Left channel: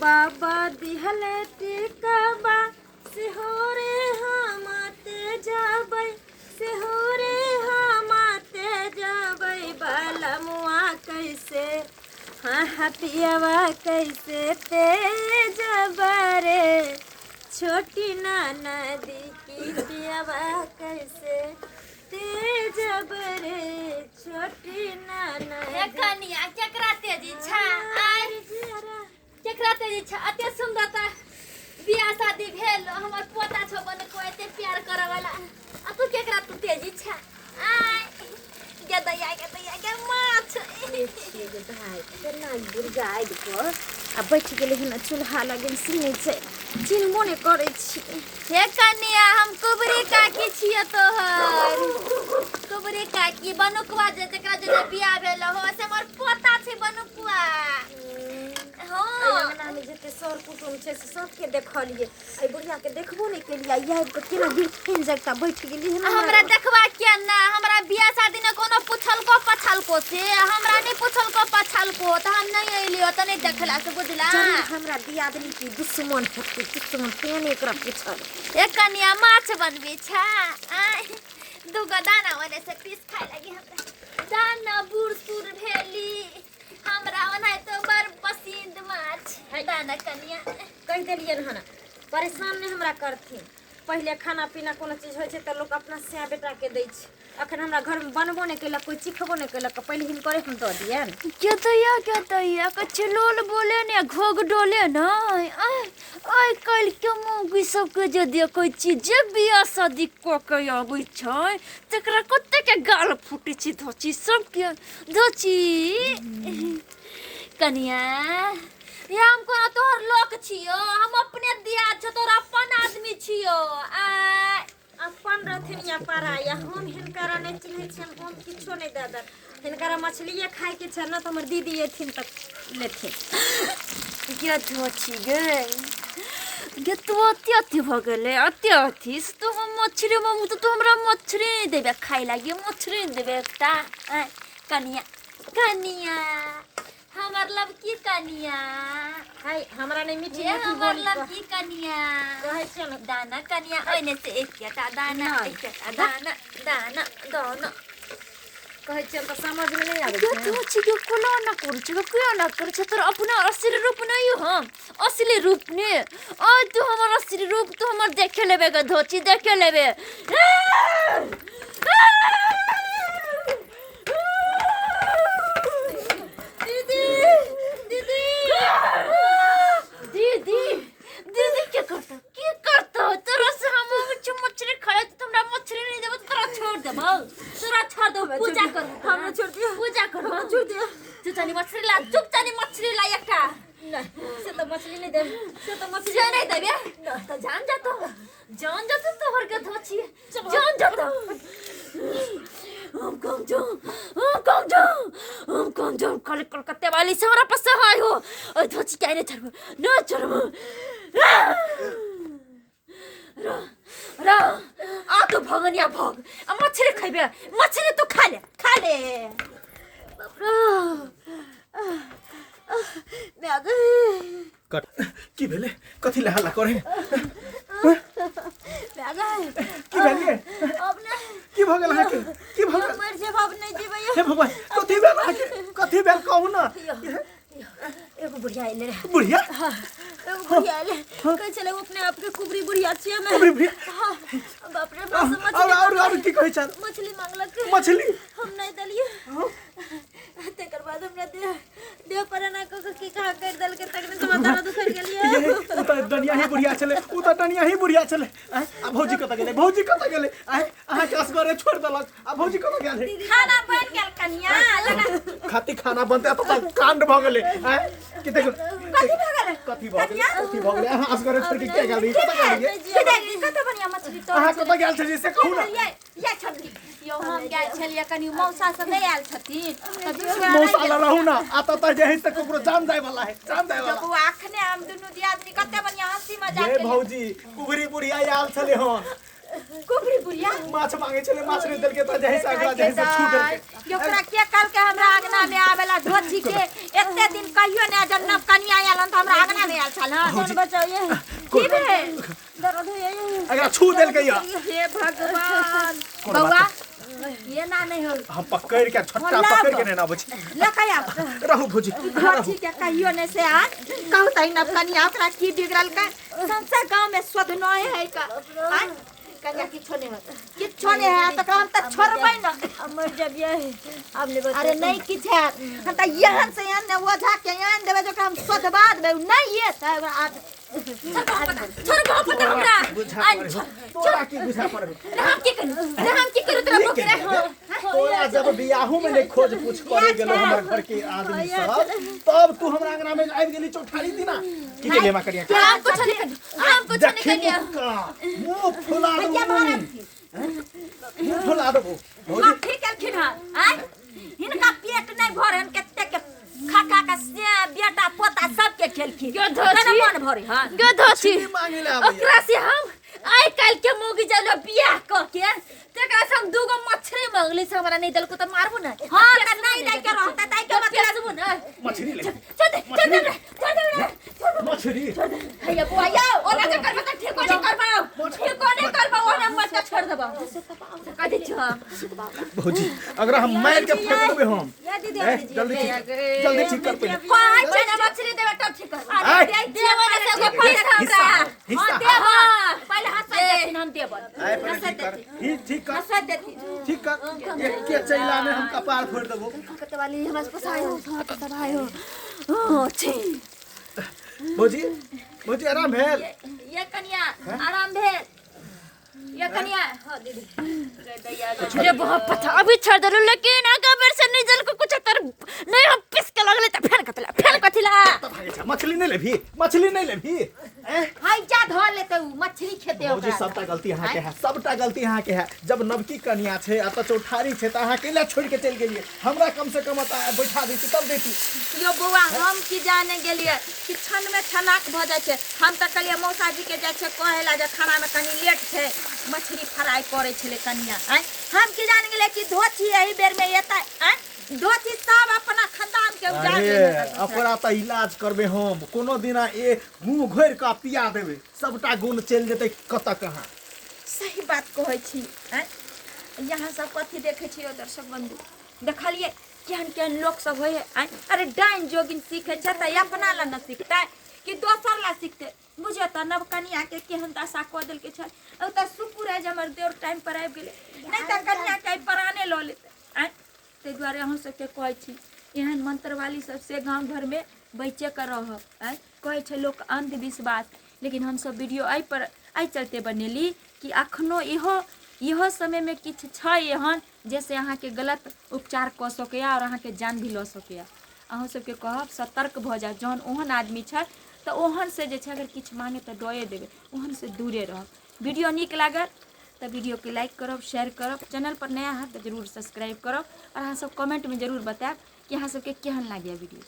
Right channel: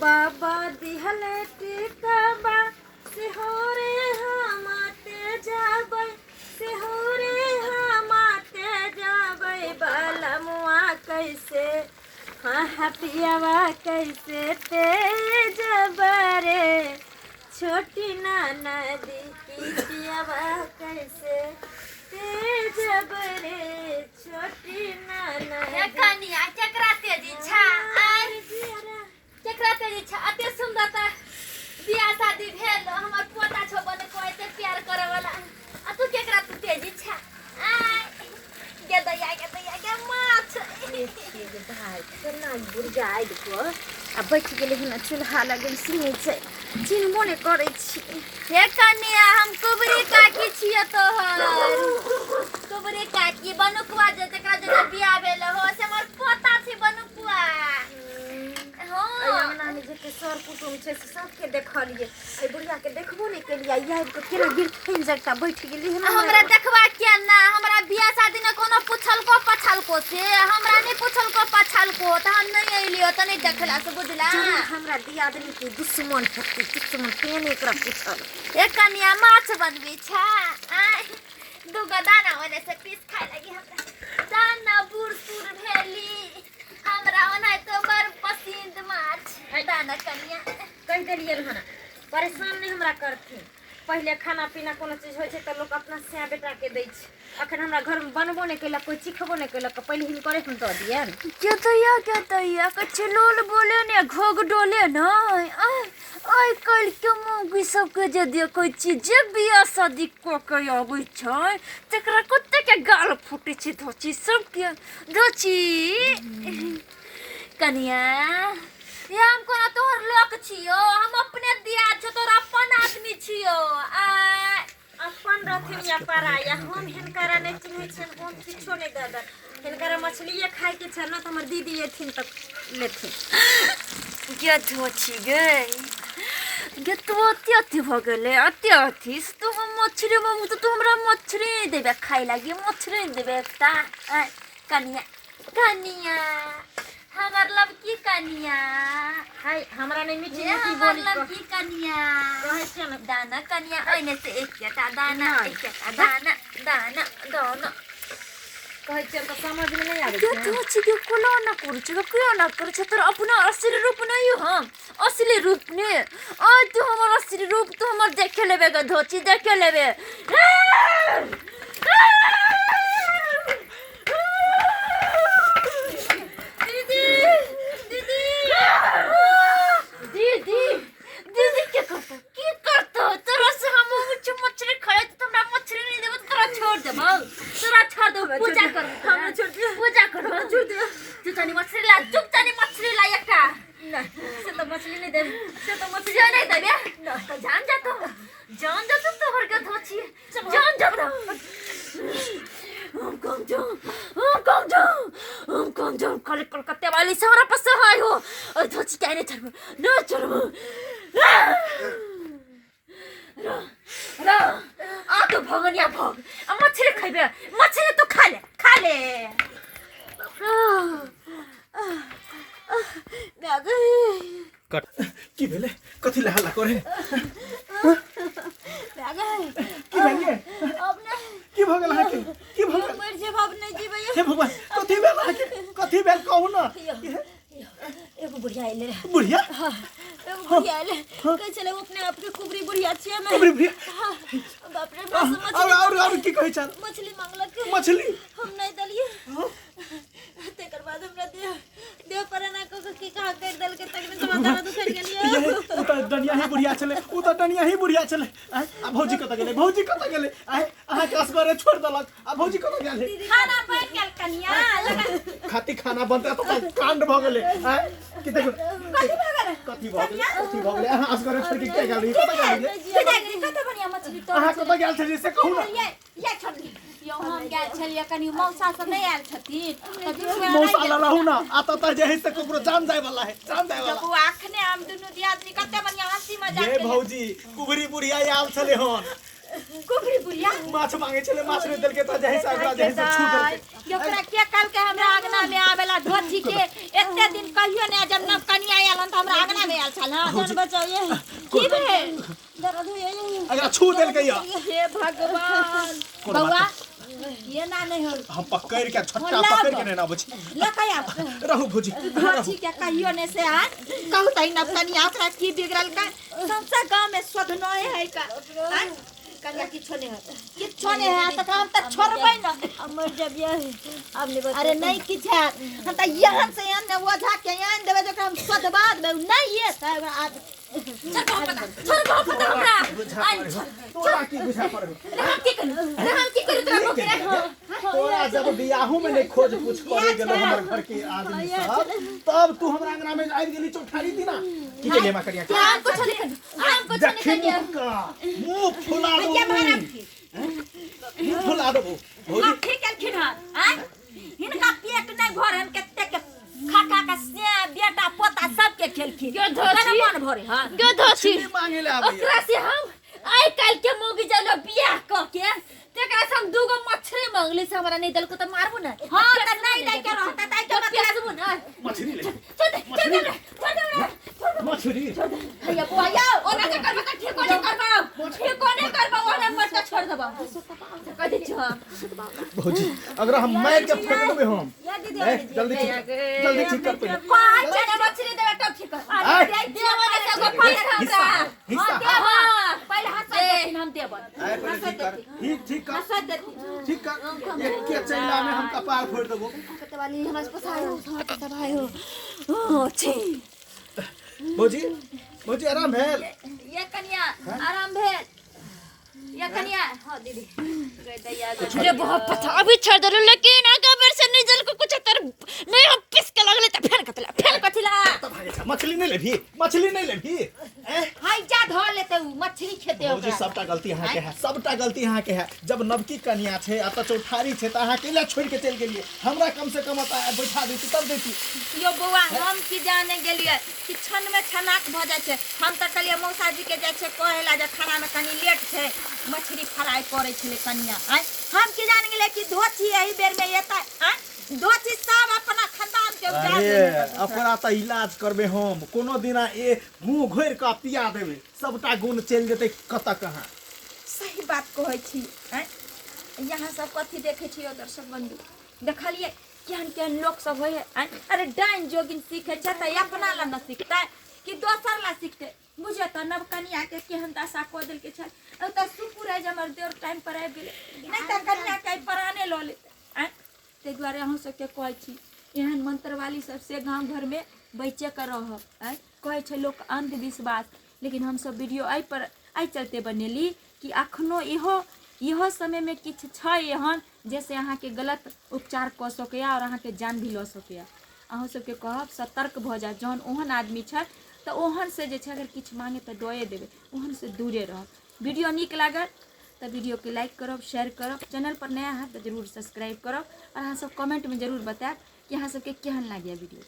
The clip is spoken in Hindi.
बाबा दिहले टिकबा सिहोरे हमते जाबै सिहोरे हमते जाबै बलमुआ कैसे हटियावा कैसे तेज बरे छोटी नदी की पियावा कैसे तेज बरे छोटी नदी कनिया केकरा तेजी छा केकरा तेजी छा अते सुंदरता बियाह शादी भेल हमर पोता छो बने को एते प्यार करे वाला आ तू केकरा तू तेजी छा आय के दैया माछ छे जे भाई केना बुरजाइ देखो आ बैठ गेले हन चूल्हा लगन सुनै छै चिन्हबो ने करै छी हे कनिया हम कुबरी काकी छियै तोहर कुबरी काकी बनुकवा जे जकरा जे बियाह भेल हो से हमर पोता छै बनुकवा हो अंगना में जते सर कुटुम छै से सबके देखलिए ए बुढ़िया के देखबो ने केलिए यार को केना गिरथिन जकता बैठ गेली हन हमरा देखबा के ना हमरा बियाह शादी ने कोनो पुछल को पछल को से हमरा नहीं पुछल को पछल को त हम नहीं अइलियो त नहीं देखला से बुझला हमरा दियादनी के दुश्मन फटके दुश्मन केन एकरा पूछल एक कनिया माछ बनबी छा आय दुगो दाना ओने से पीस खाए लगी हमरा दाना बूढ़ सूर भेली हमरा ओना तो बर पसंद माछ दाना कनिया कह देलिए हन परेशान नहीं हमरा करथिन पहले खाना पीना कोनो चीज होय छै त लोग अपना से बेटा के दै छै अखन हमरा घर में बनबो नहीं केलक कोई चिखबो नहीं केलक पहले हिन करे हम द दियन के तैया कछ लोल बोले ने घोग डोले न आय कल के मौगी सब के जे दे कोई चीज जे बियाह शादी को के आबै छै तकरा कते के गाल फूटे छै धोची सब के धोची कनिया ये हम कोना तोहर लोक छियो हम अपने दिया छ तोर अपन आदमी छियो आ अपन रहथिन या पराया हम हिनकरा नहीं चिन्है छियन हम किछो नहीं दादा हिनकरा मछलीए खाए के छ न त हमर दीदी एथिन त लेथिन के धोची गई ये तो अति भ गेले अति से तो हम मछली ममु तो हमरा मछली नहीं देबे खाई लागी मछली नहीं देबे एकटा कनिया कनिया हमर लवकी कनिया हाय हमरा नहीं मीठी ये मीठी हमर बोली लवकी कनिया कहै छै न दाना कनिया ओने से एकटा दाना एकटा दाना दाना दाना कहै छै त समझ में नहीं आबै क्यों छै तू छिके कोला ना कर छिके क्यों ना कर छ तोर अपना असली रूप नहीं हम असली रूप ने आज तू हमर असली रूप तू हमर देखे लेबे ग धोची देखे लेबे दीदी क्या करता तोरा से हम मछली खाए तो हमरा मछली नहीं देबो तोरा छोड़ देबो तोरा छोड़ दो पूजा कर हम छोड़ दियो पूजा कर छोड़ दियो तू तनी मछली ला चुप तनी मछली ला एकटा से तो मछली नहीं दे से तो मछली से नहीं देबे तो जान जा तो तोहर के धोची जान जा तो हम कम जाओ कल कलकत्ते वाली से हमरा पास है हो और धोची क्या नहीं चढ़ ना चढ़ रा आ तो भगनिया भग मछली खाइबे मछली तो खा ले मैं गई कट की भेले कथि ला हल्ला करे मैं गई की भेले अब नहीं की भ गेल है की भ गेल मर जे बाप नहीं जीवे हे भगवान कथि भेल कहू ना एगो बुढ़िया आइले रे बुढ़िया हां एगो बुढ़िया आइले कह चले वो अपने आप के कुबरी बुढ़िया छिए मैं कुबरी बुढ़िया हां बाप रे बस मछली और की कहै छ मछली मांगलक मछली हम नहीं दलिए तेकर बाद हमरा दे पर ना को की कहा कर दल के तक ने समाधान तो कर गेलिए उ त दुनिया ही बुढ़िया चले उ त दुनिया ही बुढ़िया चले आ भौजी कत गेले आहा कास करे छोड़ दलक आ भौजी कत गेले खाना बन गेल कनिया खाती खाना बनते त कांड भ गेले कि देखो कथि भ गेले आहा आस करे छोड़ के गेली कत बढ़िया मछली तो आहा कत गेल छ से कहू ना ये छोड़ी यो हम गेल छलिए कनी मौसा सब नहीं आयल छथिन त मौसा रहू ना आता त जे है से ककरो जान जाय वाला है जान जाय वाला जब आखने हम दुनु दियादनी कते बढ़िया हंसी मजाक ये भौजी कुबरी बुढ़िया आयल छले हो कुबरी बुढ़िया माछ मांगे चले माछ नहीं देल के त जही साग जही सब छूट देल ओकरा के कल के हमरा आंगना में आवेला धोती के एते दिन कहियो ने जब नव कनिया आयल त हमरा आंगना में आयल छल हां जान बचाओ ये की भेल दर्द है ये अगर छू देल के हे भगवान बउआ ये ना नहीं हो हम पकड़ के छट्टा पकड़ के ना बची लकाया रहू भौजी धोती के कहियो ने से आज कहू तई नव कनिया ओकरा की बिगड़ल का संसा गांव में स्वध नय है का कनिया किछो नहीं है त हम त छोड़बै न मर जब ये हमने अरे नहीं किछ है हम त यहन से यहन ने ओझा के यहन देबे जो हम स्वधबाद में नहीं ये सब आज छोड़ दो पता हमरा तोरा की बुझा पड़बे हम की करू तेरा मुख रे तोरा जब बियाहू में नहीं खोज पूछ करे गेलो हमर घर के आदमी सब तब तू हमरा अंगना में आबि गेली चौठारी दिना की के लेमा करिया हम कुछ नहीं कर मुंह फुला दो मुंह फुला दो भौजी ठीक है हां हिनका पेट नहीं भरन कते के खा खा के से बेटा पोता सब के खेलखी मन भरे हां गधोसी मांगे ले ओकरा से हम आइ काल के मोगी जलो बियाह क के तेकरा से हम दूगो मछली मांगली से हमरा नहीं दल को त मारबो ना हां त नहीं दई के रहता दई के मत पेसबो ना मछली ले चल मछली हैया बुआ ओना के करबा त ठीक नहीं करबा ओना मत के छोड़ देबा कह दे छ भौजी अगर हम मार के फेंक देबे हम जल्दी ठीक कर पहले पांच महीना मछली देबे तब ठीक कर आय। देबो ना से को पैर हमरा हिस्सा हां पहले हाथ से हम देब आय पहले ठीक कर ठीक कर हाथ देती ठीक कर एक के चैला में हम कपार फोड़ देबो कते वाली हमरा से पसाय हो सब भाई हो ओ छी भौजी भौजी आराम भेल ये कन्या आराम भेल ये कन्या हां दीदी गए दैया रे बहुत पता अभी छोड़ दे लेकिन आगे बेर से नहीं जल को कुछ तर नहीं हम पिस के लगले त फेर कथिला मछली नहीं लेभी मछली नहीं लेभी हाय जा धो लेते मछली खेते भौजी ओकरा सबटा गलती अहाँ के है सबटा गलती अहाँ के है जब नवकी कन्या छे आ त चौठारी छे त अहाँ केला छोड़ के चल गेलिए हमरा कम से कम बैठा देती तब देती यो बुआ हम की जाने गेलिए कि छन में छनाक भ जाय छै हम त कहलिए मौसा जी के जाय छै कहेला जे खाना में कनी लेट छै मछली फ्राई करे छले कन्या हम की जान गेले कि धोती एही बेर में एता धोती सब अपना खानदान के उजाड़ लेने अपना त इलाज करबे हम कोनो दिना ए मुंह घोर के पिया देबे सबटा गुण चल जेतै कत कहां सही बात कहै छी यहाँ सब कथी देखे छी दर्शक बंधु देखलिए केहन लोग सब होय अरे डाइन जोगिन सीखे छै त अपना ला न सीखतै कि दोसर ला सीखतै बुझे त नव कन्या के केहन दशा क देल के छै त सुपुर है जमर देर टाइम पर आबि गेले नहीं त कन्या के पराने ल लेते ते द्वारे हम सब के कहै छी एहन मंत्र वाली सब से गांव घर में बचे कर रहब कहै छै लोग अंधविश्वास लेकिन हम सब वीडियो आई चलते बनेली कि अखनो इहो समय में किछ छै एहन जैसे अहाँ के गलत उपचार क सकैया और अहाँ के जान भी ल सकैया अहाँ सब के कहब सतर्क भ जा जहन ओहन आदमी छै त ओहन से जे छै अगर किछ मांगे त दए देबे ओहन से दूरे रहब वीडियो नीक लागल तो वीडियो के लाइक करब शेयर करब चैनल पर नया है तो जरूर सब्सक्राइब करब और अहाँ सब कमेंट में जरूर बताएब कि अहाँ सबके केहन लागैया वीडियो।